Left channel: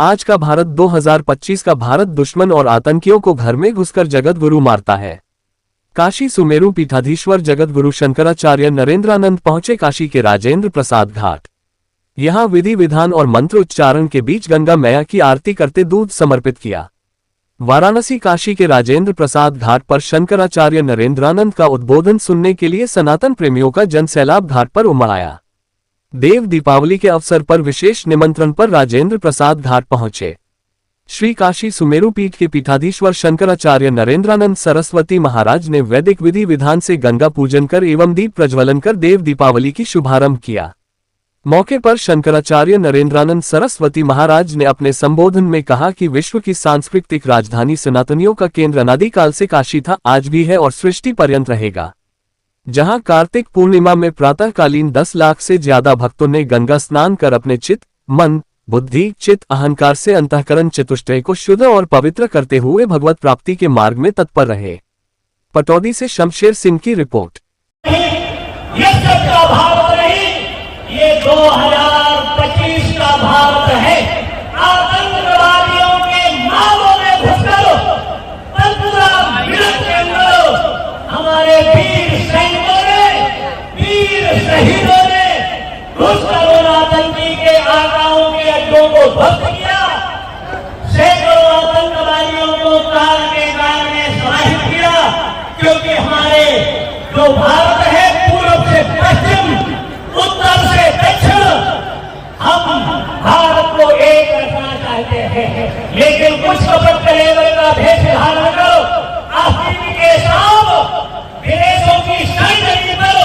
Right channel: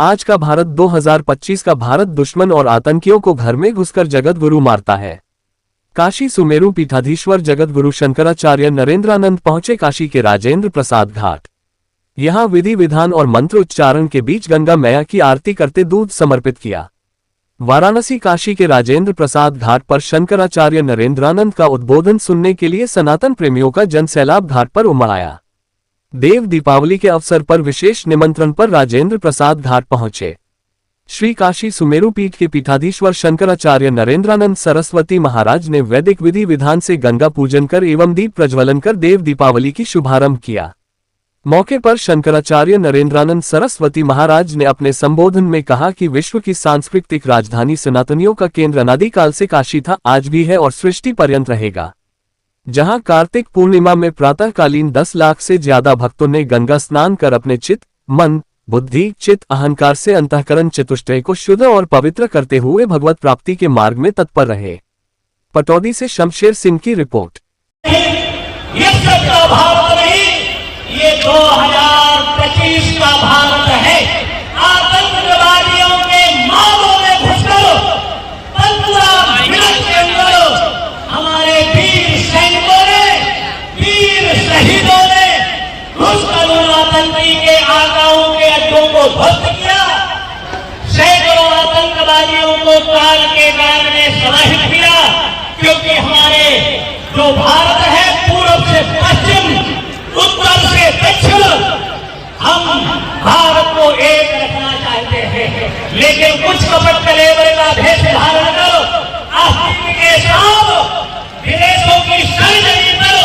आज का भारत 2025 का भारत दुश्मन और आतंकियों को घर में घुसकर जगत गुरु मारता है। काशी सुमेरु पीठाधीश्वर जगत गुरु शंकराचार्य नरेंद्रानंद पहुंचे काशी के राजेंद्र प्रसाद घाट। यहां विधि विधान और मंत्र उच्चारण के बीच गंगा मैया की आरती करते दूध समर्पित किया। वाराणसी काशी के राजेंद्र प्रसाद घाट पर शंकराचार्य नरेंद्रानंद का उद्बोधन सुनने के लिए सनातन प्रेमियों का जनसैलाब घाट पर उमड़ आया। देव दीपावली के अवसर पर विशेष निमंत्रण पर राजेंद्र प्रसाद घाट पहुंचे। श्री काशी सुमेरु पीठ के पीठाधीश्वर शंकराचार्य नरेंद्रानंद सरस्वती महाराज ने वैदिक विधि विधान से गंगा पूजन कर एवं दीप प्रज्वलन कर देव दीपावली की शुभारंभ किया। मौके पर शंकराचार्य नरेंद्रानंद सरस्वती महाराज ने अपने संबोधन में कहा कि विश्व की सांस्कृतिक राजधानी सनातनियों का केंद्र अनादिकाल से काशी था, आज भी है और सृष्टि पर्यंत रहेगा। जहां कार्तिक पूर्णिमा में प्रातःकालीन 10 लाख से ज्यादा भक्तों ने गंगा स्नान कर अपने चित्त, मन, बुद्धि, चित्त, अहंकार से अंतःकरण चतुष्टय को शुद्ध और पवित्र करते हुए भगवत प्राप्ति के मार्ग में तत्पर रहे। पटौदी से शमशेर सिंह की रिपोर्ट। ये 2025 का भारत है। आतंकवादियों के मालों में घुसकर हमारे वीर सैनिकों ने, वीर शहीदों ने घुसकर उन आतंकी के आकाओं के अड्डों को ध्वस्त किया। सैकड़ों आतंकवादियों को काल के गाल में समाहित किया, क्योंकि हमारे जो भारत है पूर्व से पश्चिम, उत्तर से दक्षिण, हम भारत को एक रखना चाहते हैं। लेकिन कुछ कपट कलेवर का भेष धारण कर आस्तीन के साथ विदेशों की सरजमी पर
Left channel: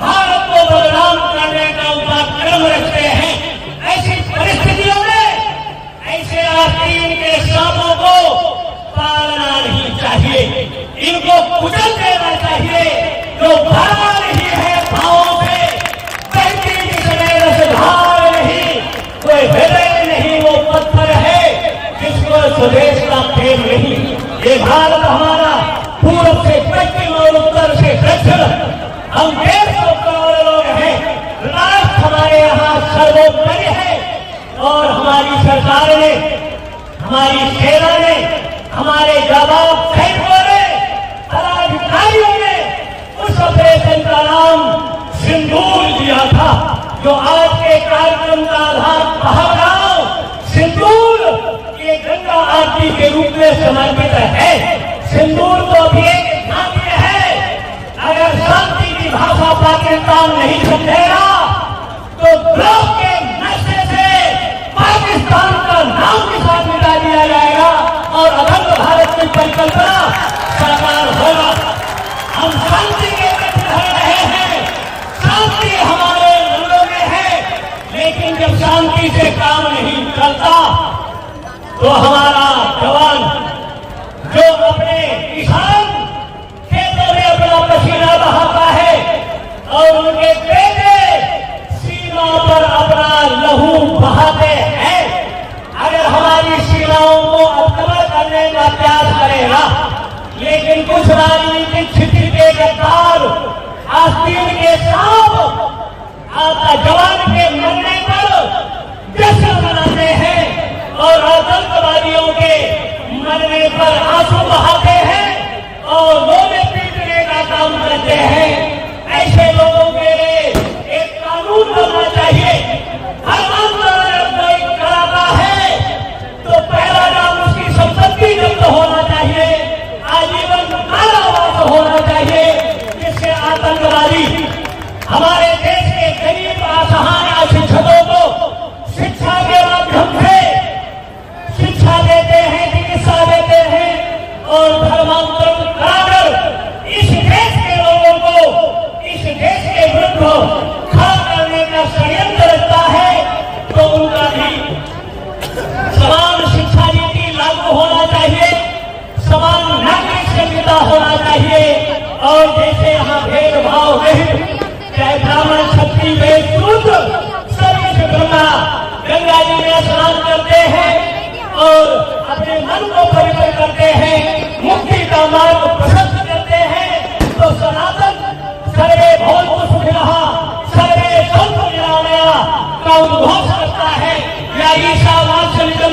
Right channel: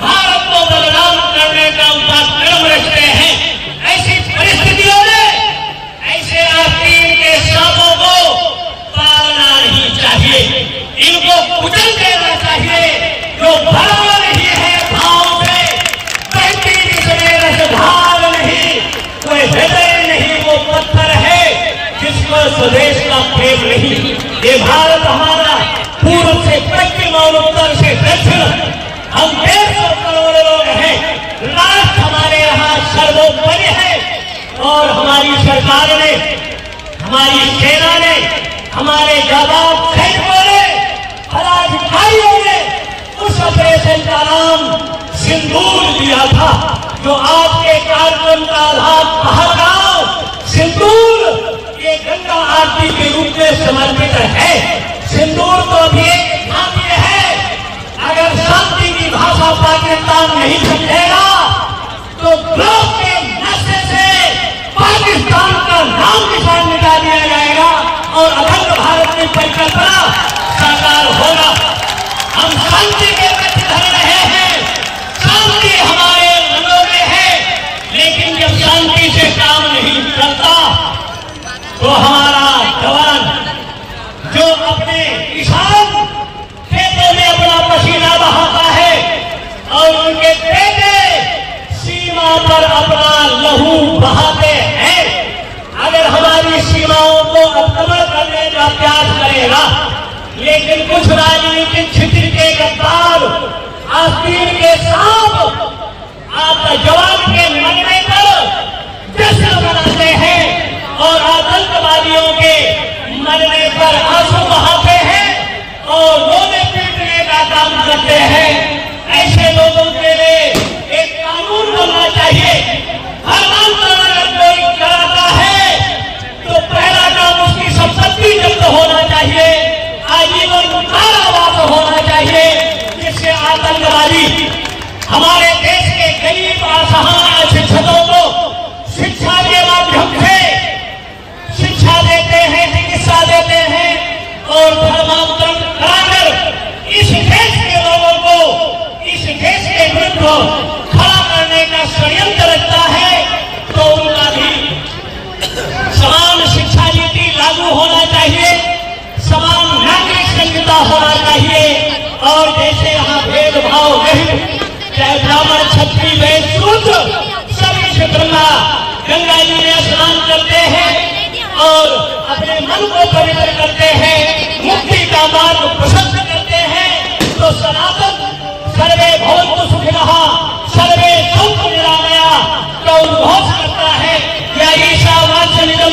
भारत को बदनाम करने का उनका क्रम रखते हैं। ऐसी परिस्थितियों में ऐसे आस्तीन के सांपों को पालना नहीं चाहिए, इनको कुचल देना चाहिए। जो बड़ा नहीं है भावों से, भाव नहीं, कोई हृदय नहीं, वो पत्थर है जिसमें स्वदेश का प्रेम नहीं। ये भारत हमारा पूर्व से पश्चिम और उत्तर से दक्षिण, हम 150 करोड़ लोग हैं। राष्ट्र हमारे यहाँ सर्वोपरि है और हमारी सरकार ने, हमारी सेना ने, हमारे जवान सैनिकों ने, पदाधिकारियों ने उस ऑपरेशन का नाम सिंदूर दिया था, जो आज के कार्यक्रम का भाग पहलगांव सिंदूर ये गंगा आरती के रूप में समर्पित है। सिंदूर तो भी एक घाटी है। अगर शांति की भाषा पाकिस्तान नहीं समझेगा तो ग्लोब के नक्शे से पाकिस्तान का नाम निशान मिटा दिया जाएगा और अखंड भारत की परिकल्पना साकार होगा। हम शांति के प्रति लड़ रहे हैं, शांति हमारे मनों में है, लेकिन जब शांति से काम नहीं चलता तो हमारा जवान जो अपने किसान खेतों में अपना पसीना बहाता है और उनके बेटे सीमा पर अपना लहू बहाते हैं, अगर हमारी सीमाओं को अवक्रमण करने का प्रयास करेगा, लेकिन कुछ राजनीतिक छित्र के गद्दार आस्तीन के सांप आपका जवान के मरने पर जश्न मनाते हैं और आतंकवादियों के मरने पर आंसू बहाते हैं और रोने पीटने का काम करते हैं। ऐसे लोगों के लिए एक कानून बनना चाहिए। हर आंदोलन अगर कोई कराता है तो पहला काम उसकी संपत्ति जब्त होना चाहिए, आजीवन कारावास होना चाहिए, जिससे आतंकवादी हमारे देश के गरीब असहाय शिक्षकों को शिक्षा के माध्यम से शिक्षा देते हैं, चिकित्सा देते हैं और धर्मांतरण कराकर इस देश के लोगों को इस देश के विरुद्ध खड़ा करने का षड्यंत्र रखता है, तो उनका भी समान शिक्षा नीति लागू होना चाहिए, समान नागरिक संहिता होना चाहिए। और जैसे यहाँ भेदभाव नहीं, चाहे ब्राह्मण क्षत्रिय वैश्य शूद्र सभी क्षेत्र में गंगा जी में स्नान करते हैं और अपने मन को पवित्र करते हैं, मुक्ति का मार्ग प्रशस्त करते हैं। तो सनातन सर्वे भवन्तु सुखिनः सर्वे सन्तु निरामया का उद्घोष करता है। या ईशा वाचनिकम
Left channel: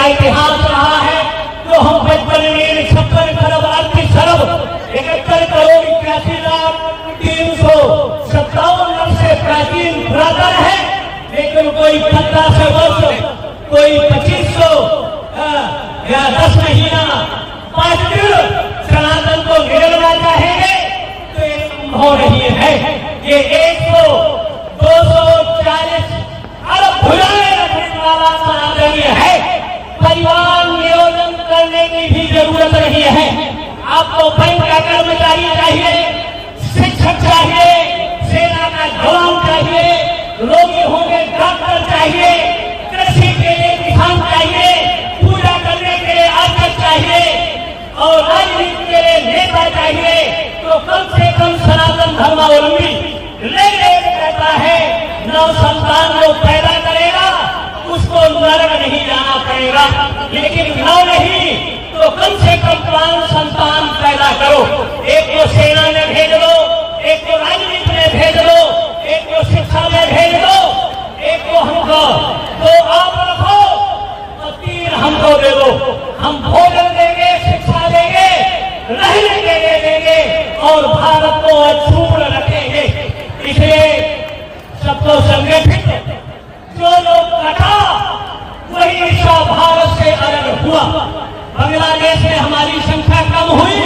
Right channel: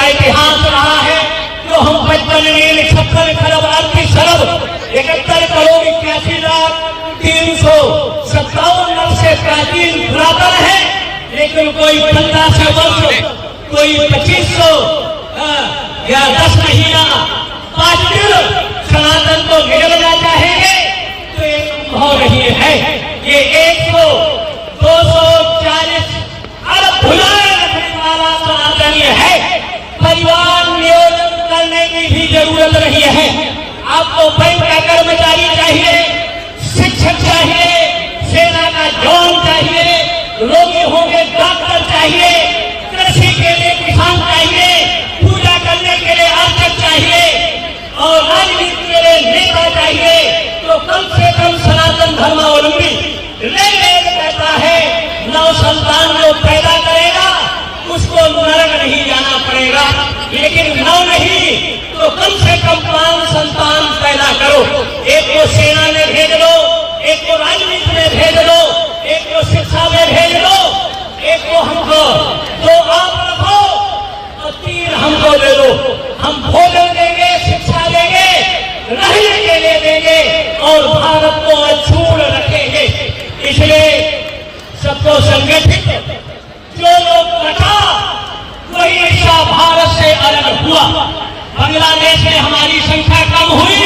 का इतिहास रहा है, तो हम 55 खरब आर्थिक खरब 71 करोड़ 81,357 वर्ष से प्राचीन पुरातन है। लेकिन कोई 1500 वर्ष, कोई 2500 या 10 महीना 5 दिन सनातन को निगलना चाहेंगे तो ये संभव नहीं है। ये 240 अरब भुलाए रखने वाला सनातनी है। परिवार नियोजन करने की भी जरूरत नहीं है। आपको बैंक का कर्मचारी चाहिए, शिक्षक चाहिए, सेना का जवान चाहिए, रोगी होंगे डॉक्टर चाहिए, कृषि के लिए किसान चाहिए, पूजा करने के लिए आर्चक चाहिए और राजनीति के लिए नेता चाहिए। तो कम से कम सनातन धर्मावलंबी कहता है 9 संतान जो पैदा करेगा उसको नरक नहीं जाना पड़ेगा। लेकिन 9 नहीं तो कम से कम 5 संतान पैदा करो। एक को सेना में भेज लो, एक को राजनीति में भेज लो, एक को शिक्षा में भेज लो, एक को हमको तो आप रखो और 3 हमको दे दो। हम भोजन देंगे, शिक्षा देंगे, रहने के लिए देंगे और भारत को अछूत रखेंगे। इसलिए सबको संगठित जो लोग कटा वही ऐसा भारत से अलग हुआ। बांग्लादेश में हमारी संख्या कम हुई,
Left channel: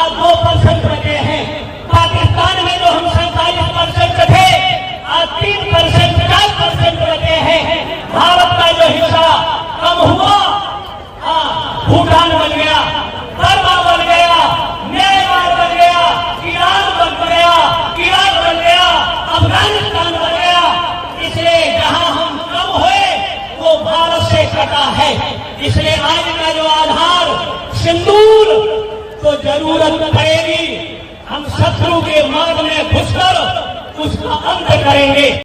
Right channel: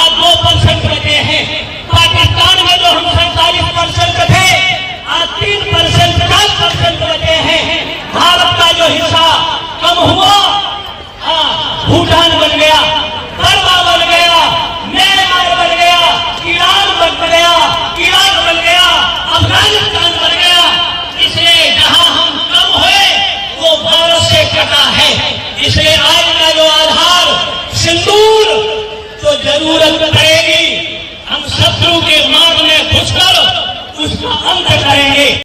आज 2% बचे हैं। पाकिस्तान में जो हम 47% थे, आज 3% 5% बचे हैं। भारत का जो हिस्सा कम हुआ, भूटान बन गया, बर्मा बन गया, म्यांमार बन गया, ईरान बन गया, इराक बन गया, अफगानिस्तान बन गया। इसलिए जहां हम कम हुए वो भारत से कटा है। इसलिए आज का जो आधार सिंदूर तो जरूरत पड़ेगी। हम शत्रु के मार्ग में घुसकर उसका अंत करेंगे।